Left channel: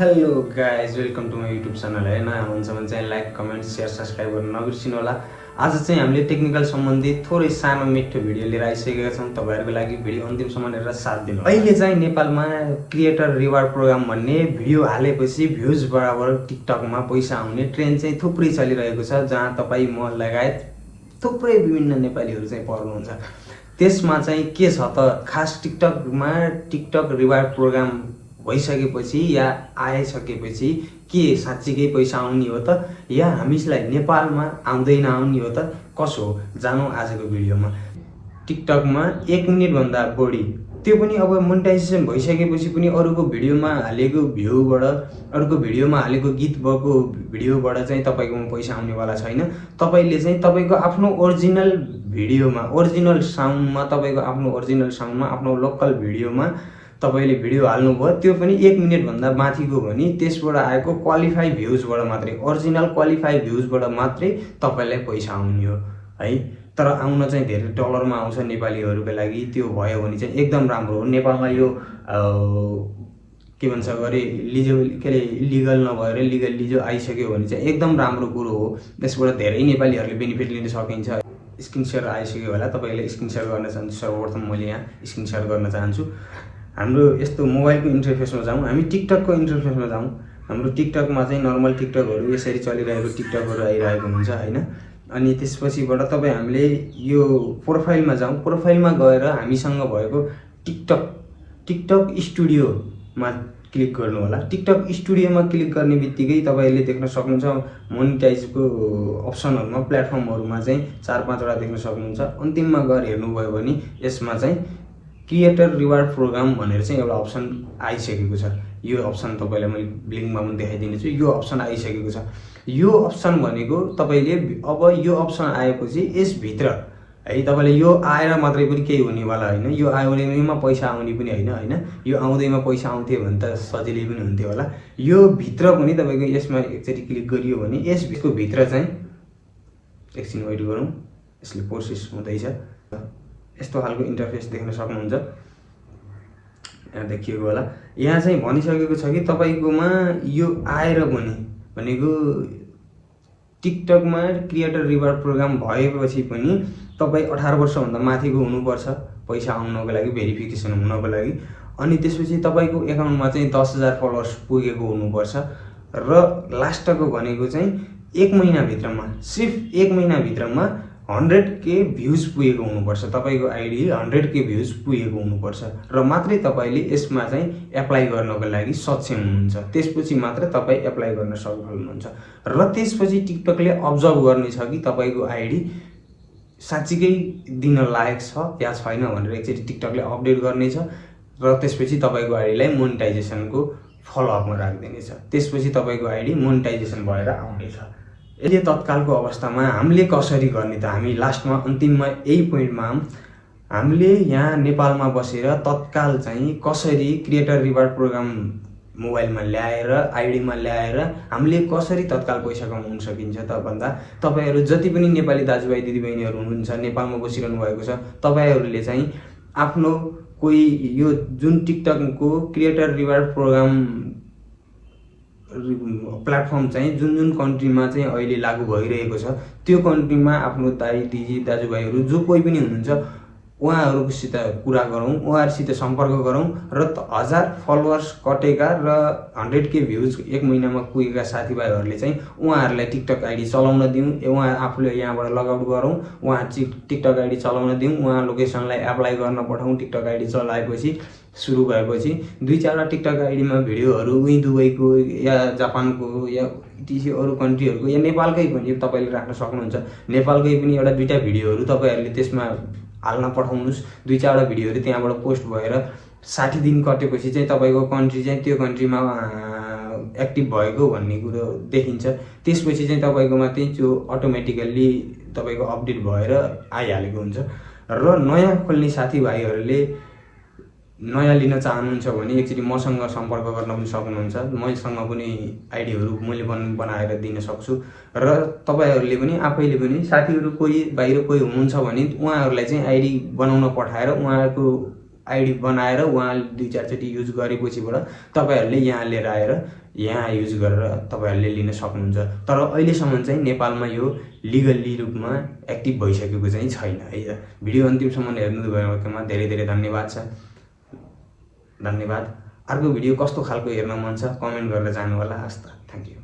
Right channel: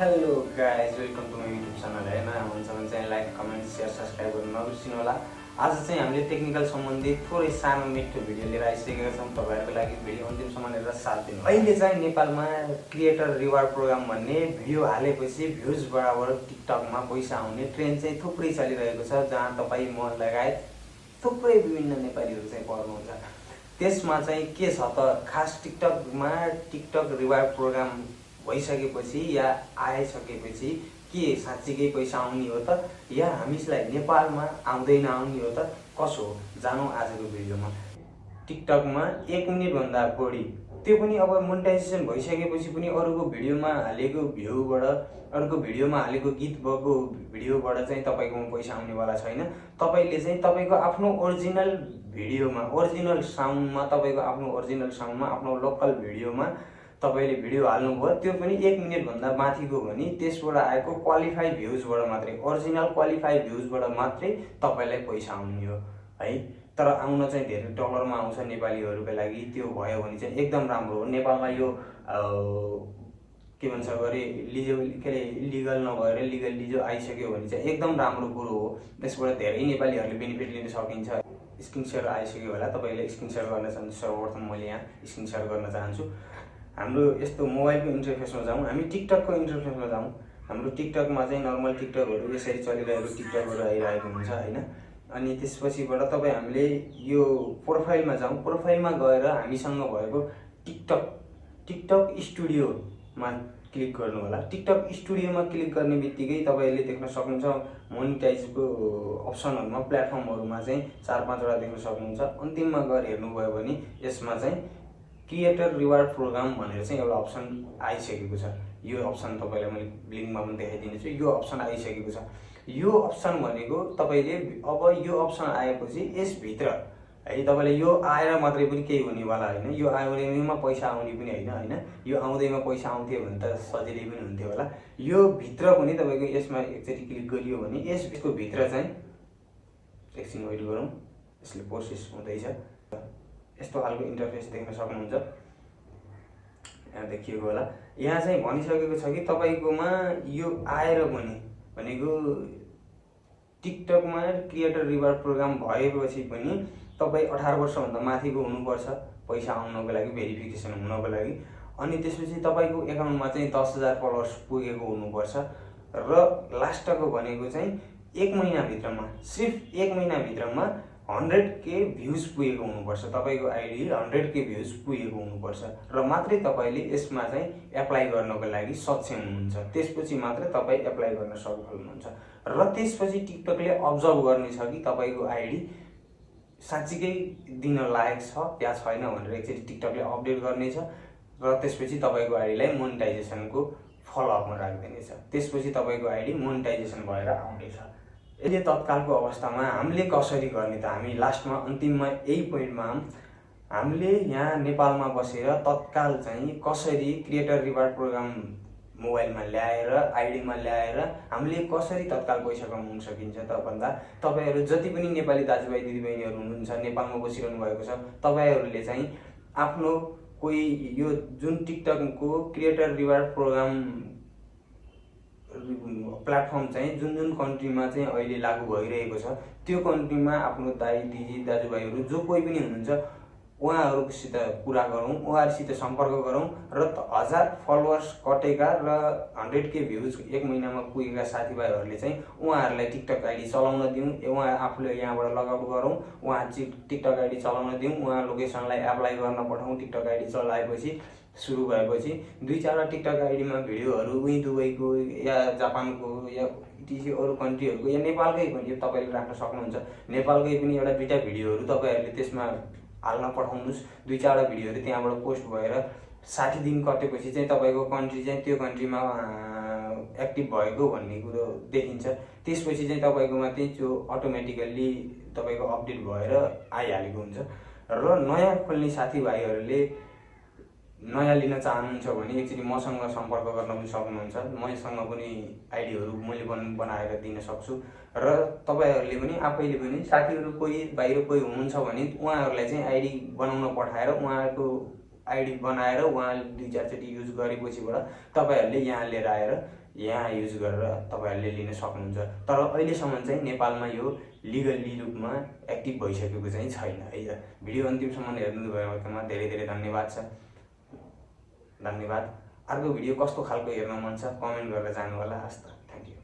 Hello guys welcome to my YouTube channel है नयाँ हुनुहुन्छ भने चाहिँ लाइक कमेन्ट सेयर सब्सक्राइब गर्न नबिर्सिनु होला। आज चाहिँ हामीले टेक्निकल सम्बन्धी थोरै सानो मिठो भिडियो लिएर आइसकेका छौँ। तपाईँहरूको लागि भिडियो अन्तिमसम्म हेरेर साथ दिनु। अहिले चाहिँ नेपालमा क्रिएटर रिवार्ड प्रोग्राम भन्ने भिडियो हालेपछि भ्युज बराबर टिकटकमा पैसा आउने ट्रेन्ड चाहिँ थुप्रै चलिरहेको छ, जहाँ तपाईँ म लगायत थुप्रै विभिन्न नेपालीहरू चाहिँ पर्नुहुन्छ। त्यसमा चाहिँ के छ त, खास टिकटकमा टिकटक रिवार्ड प्रोग्राम भइसकेपछि या आइसकेपछि के साँच्चीकै पैसा आउने हो त, या हामीलाई नेपालमा आउँदैन आउने हो त, कसो हो, जानौँ आजको भिडियोमा। टिकटकमा 1 मिनेटभन्दा बढी, त्यो पनि अब मोनेटाइजेसन भइसकेपछि पनि अरूको भिडियोमा हालेको भ्यूबाट, अरूको भिडियोमा हालेको गीत भएको भिडियोबाट चाहिँ तपाईँकोमा पैसा आउनेवाला छैन। तपाईँले चाहिँ तपाईँको आफ्नो ओरिजिनल भिडियोमा, ओरिजिनल साउन्डमा, तपाईँको आफ्नो ओरिजिनल साउन्डमा, आफ्नो लोकल भिडियोमा तपाईले भिडियो हाल्नुभयो, त्यो पनि 1 मिनेटभन्दा माथिको भने त्यसबाट आएको क्वालिफाई भ्युजबाट मात्रै, ओरिजिनल क्वालिफाई भ्युजबाट मात्रै तपाईँलाई पैसा आउने हो है। तर आउन चाहिँ धेरै डलरमा आउँछ नेपालीहरूको लागि। त्यो भयो भने चाहिँ एकदम राम्रो हो। नेपालमा यो के भन्छ गरे इलिगल नभएर लिगल आइसक्यो भने चाहिँ एकदम राम्रो कुरो हो। त्यसबाट धेरै नेपालीहरूले बेनिफिट लिन सकिन्छ। स्क्रिन सेयर आइसक्यो होला, तपाईँले स्क्रिन सेयर गर्न चाहन्छु। सर्वप्रथम मैले यहाँ स्क्रिन सेयर गर्न चाहन्छु। हाम्रो यस्तो मोबाइलको इन्टरफेसमा जाउँ, हामी टिकटकको इन्टरफेसमा जाउँ। हाम्रो टिकटकमा चाहिँ नर्मल टिकटकहरू यसरी चलिरहेको टिकटकहरू आइरहेको हुन्छ हैन। अनि त्यसपछिबाट तपाईँ हामीले यो प्रोफाइलमा जाउँ। प्रोफाइलमा गएर हामीसँग भएको टिकटक स्टुडियोमा क्लिक गर्नु होला। टिकटक स्टुडियोमा क्लिक गर्ने बित्तिकै तपाईँले देख्न सक्नुहुन्छ मोनिटाइजको अप्सनहरुमा, प्लेटफर्महरुमा चाहिँ 4-5 वटा देख्न सक्नुहुन्छ। अन्तिममा गएर हेर्नुभयो भने यसमा चाहिँ क्रिएटर रिवार्ड प्रोग्राम भनेर चाहिँ एउटा अप्सन आइसकेको छ। यो अप्सन तपाईलाई मैले लिंकमा पनि देखाइदिनेछु। यो अप्सन आइसकेको छ। यो अप्सन भनेको तपाईले अब यो अप्सन आएपछि यसभित्र है तपाईले यो आएर मात्रै पनि केही हुनेवाला हैन। यो आउनेमा पैसा आउने पनि हैन। यो आउँदैमा पैसा आउँथ्यो भने त सजिलै पनि हुन्थ्यो होला। यो भित्र पनि तपाईको यसमा एकचोटी क्लिक गरियो भने यसको भित्र चाहिँ एकछिन वेट गरौँ, यसले प्रोसेस हुँदैछ। यस्तो खालको इन्टरफेस देख्न सक्नुहुन्छ। यहाँ देखिएको होला। यहाँ चाहिँ भनिसकेको छ कि तपाईकोमा यो आएर पनि भनेको टिकटकमा क्रिएटर रिवार्ड प्रोग्राम भएपछि पनि तपाई 18 वर्षभन्दा माथिको हुनुपर्छ पैसा आउनको लागि, भेरिफिकेसन हुनको लागि। अनि त्यसपछि तपाईको एकाउन्टमा चाहिँ 10,000 फलोअर्स पुगेको हुनुपर्छ। र लास्टको भनेको चाहिँ 1 महिना भित्रमा, सिर्फ 1 महिना भित्रमा 100K भ्युज पुगेको हुनुपर्छ। तपाईको आईडी 100K भ्युज पुगेको हुनुपर्छ र मात्रै तपाईले यसमा चाहिँ एप्लाई गर्नको लागि सक्षम हुनुहुन्छ। त्यसपछि मात्र तपाई एप्लाई गर्न सफल हुनुहुन्छ। र त्यसपछि टिकटकले अब्जर्भ गर्ने छ कि तपाईको आईडी साच्चीकै दिन लायक छ या छैन भनेर एकचोटी टिकटकले अपडेट गर्नेछ। र त्यसपछि तपाईको आईडीलाई मोनेटाइजेसनको फलोअपमा राख्दिनेछ। त्यसपछि तपाईको आईडी मोनेटाइजेसन भएर आउनेछ। यदि तत्कालको अवस्थामा हामीले कसरी गर्ने त, हामी लास्टमा अन्तिममा यही पोइन्टमा हामीले यहाँ नेपालमा बसेर तत्काल चाहिँ कसरी क्रिएटर रिवार्ड प्रोग्राम मोबाइलमा ल्याएर, आईडीमा ल्याएर हामीले कसरी तत्काल पैसा कमाउन सकिन्छ त भन्दा, तपाईहरु जति पनि नेपाली दाजुभाइ दिदीबहिनीहरु हुनुहुन्छ, नेपालमा बसिरहनु भएको छ, तपाईहरुले चाहिँ आफ्नो कोही यो जुन टिकटकको क्रिएटर रिवार्ड प्रोग्राम प्लेटफर्म चाहिँ जुन कन्ट्रीमा चाहिँ अहिले लागू भइरहेको छ, त्यो कन्ट्रीमा आफ्नो दाइ दिदी दाजुभाइहरु जो कोही पनि हुनुहुन्छ उहाँहरुसित कुरा गरौँ, उहाँहरुसित सम्पर्क गरौँ र 1000 फलोअर्स कटेका र 100K भ्युज 1 महिनामा पुगेका साथीभाइहरुले चाहिँ उहाँहरुलाई टिकटक आईडी चलाउन दिउँ। उहाँ आफूले यहाँबाट लगआउट गरौँ, उहाँ टिकटक आईडी चलाउन दिउँ, उहाँ लोकेसनलाई एप्लाई गर्न पठाउँ। टिकटक आईडी चलाएपछि सुरु भएपछि 2-4 वटा टिकटक आईडीमा भिडियोहरु उही दुबईको या जापानको या टिसी अरु कन्ट्रीहरुको या नेपालकै पनि तपाईले राख्न सक्नुहुन्छ। नेपालकै पनि एउटा 2टा भिडियोहरु तपाईहरुले त्यसमा हाल्न पठाउनुस्। 2-4 वटा भिडियोहरु त्यहाँबाट पोस्ट भएर 60 दिन कटेपछि चाहिँ तपाईको कन्ट्री चाहिँ त्यो कन्ट्रीमा एक्टिभ भएको भन्ने कुरो देखिन्छ। त्यसपछि चाहिँ तपाईकोमा चाहिँ त्यो अटोमेटिकली तपाईको अपडेट भएर आइहालेको हुन्छ। र नयाँ खोल्ने साथीभाइहरुले नयाँ लिन चाहनुहुन्छ भने एकचोटी मसँग सम्पर्क गर्न पनि सक्नुहुन्छ। मसँग पनि आईडीहरु मैले बनाएर दिन सक्छु। र तपाईहरुले पनि आफैले पनि साथीहरु कोही बाहिर कोही हुनुहुन्छ भने उहाँहरुलाई चाहिँ आईडी बनाउन पठाएर उहाँहरुको आईडी बनाएर उहाँले 2-4 चोटी युज गरेपछिबाट तपाईहरुले यहाँ लिएर आएर यहाँ युज गरेर तपाईहरुले लिन सक्नुहुन्छ। तर अहिलेसम्म चाहिँ नेपालमा यो लिगली रूपमा एक्टिभ भइसकेको चाहिँ छैन है। भिडियो अन्तिमसम्म हेर्नु भएकोमा धेरै धेरै धन्यवाद छ। धन्यवाद। अर्को भिडियो कस्तो खालको हेर्न मन छ कमेन्ट गरेर जानु होला। हस्त थ्यांक यू।